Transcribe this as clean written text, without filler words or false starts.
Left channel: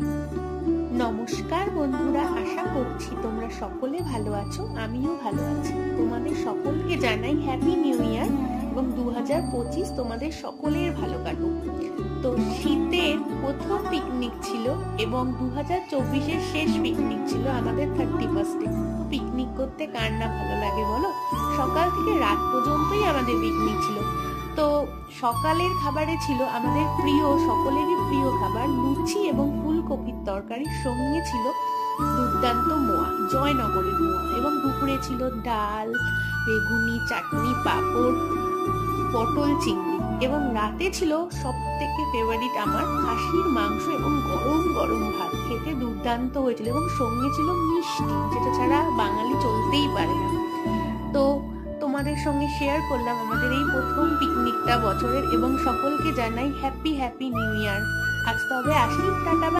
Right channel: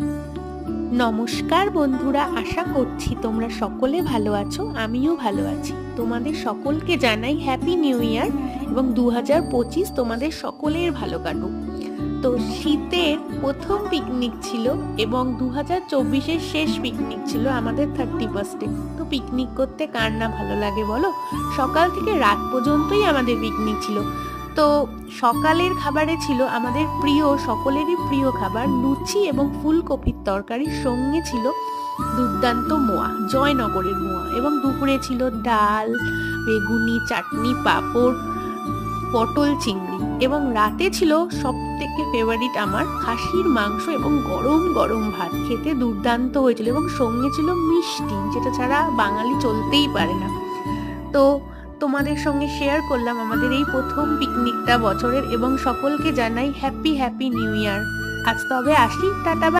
নমস্কার বন্ধুরা, আশা করছি তোমরা সকলে ভালো আছো। আমিও ভালো আছি। তোমাদের সকলকে জানাই হ্যাপি নিউ ইয়ার এবং 2025 তোমাদের সকলের ভালো কাটুক। তো শীতের প্রথম পিকনিক ছিল এবং 2024-এর শেষ পিকনিক ছিল আমাদের 31st-এ। তো পিকনিক করতে কার না ভালো লাগে বলো? সকাল থেকে রাত পর্যন্তই আমাদের পিকনিক ছিল। তো সকালের খাবারে ছিল আমাদের প্রিয়, সকলেরই প্রিয় খাবার লুচি এবং ফুলকপির তরকারির সঙ্গে ছিল দুর্দান্ত মোয়া, জয়নগরের মোয়া। এবং দুপুরে ছিল ডাল, বেগুনি, চাটনি, পাঁপড়, পটল চিংড়ি। এবং রাতে ছিল সব থেকে ফেভারিট আমার খাসির মাংস এবং গরম গরম ভাত। খেতে দুর্দান্ত হয়েছিল এবং সঙ্গে ছিল মিষ্টি, যেটা ছাড়া বাঙালি চলতেই পারে না। তো তোমাদের সঙ্গে শেয়ার করলাম আমাদের এই প্রথম পিকনিকটা বছরের, এবং সকলকে জানাই হ্যাপি নিউ ইয়ার। আজ তবে আসি, টাটা।